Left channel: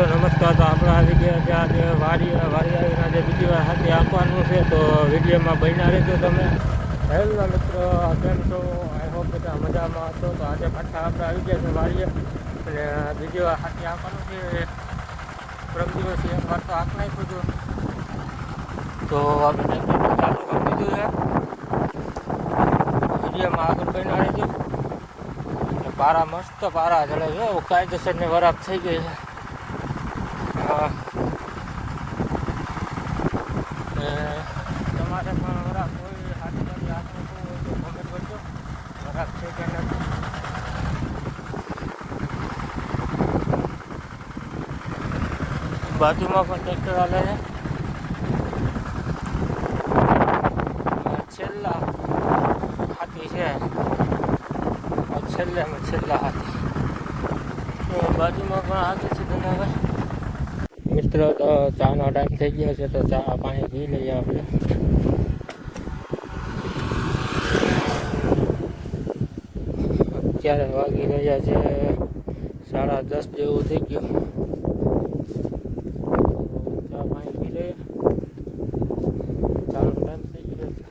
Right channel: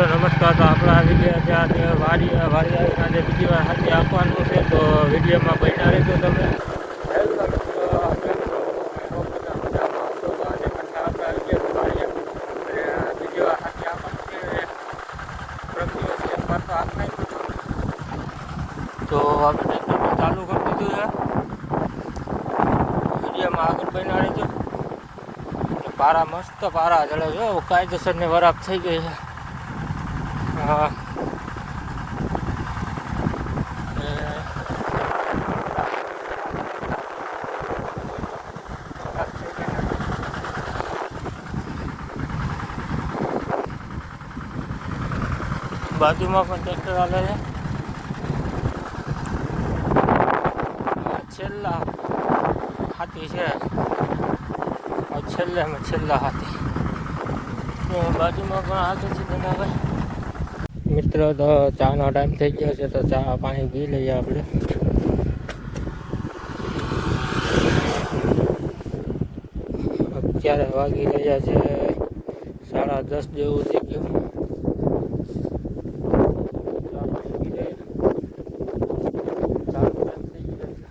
મિત્રો નમસ્કાર. તો આપણે આવી ગયા છે આજે વાડી આવીને આજે બીજી વાર હાથી આપવાનું છે, તો વિડીયોમાં બન્યા રહેજો તમે. હેલો મિત્રો, કેમ છો? બધા મજામાં છો? તો આજે પાછા આપણે આવી ગયા છે વાડીએ અને બીજી વાર હાથી આપવાનું છે. પ્રમ દિવસ એક વાર તો આપ નાખ્યું હતું, તો આપણે ચાલુ કરી દીધું છે. વિડીયોમાં આગળ બન્યા રહેજો. પારા મસ્ત પારા ચડે છે, કાયદેસર ને વરાપ થઈ ગઈ છે. બાજુમાં પણ ટ્રેક્ટર હાલે છે. છેલ્લા હાથી છે, છેલ્લા હાથી બાજુમાં પણ આગળ છે ધંધાભાઈ. મિત્રો તો ચાનો ટાઈમ થઈ ગયો છે, તો ચા પાણી પી લઈએ આપણે. અત્યારે વાગી રહ્યા છે 10:30 જેવું થઈ ગયું. ચા પાણી પી લઈએ. ચાનો ટાઈમ થઈ ગયો છે.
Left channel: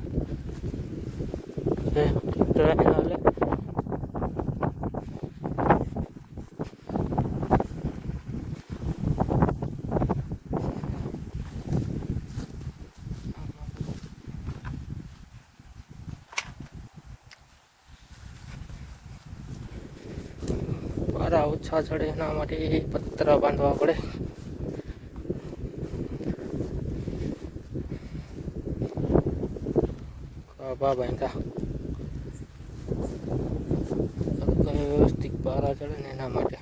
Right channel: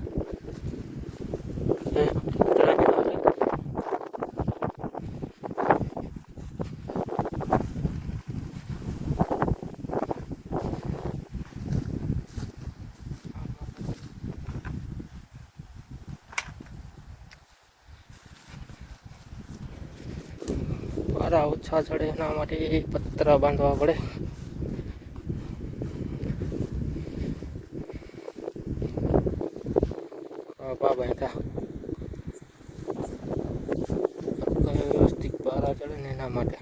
પારા ઓછા ચડે એના માટે પતરા બાંધવા પડે. બાંધા વ્યવસ્થિત પારા ચડે ને એના માટે.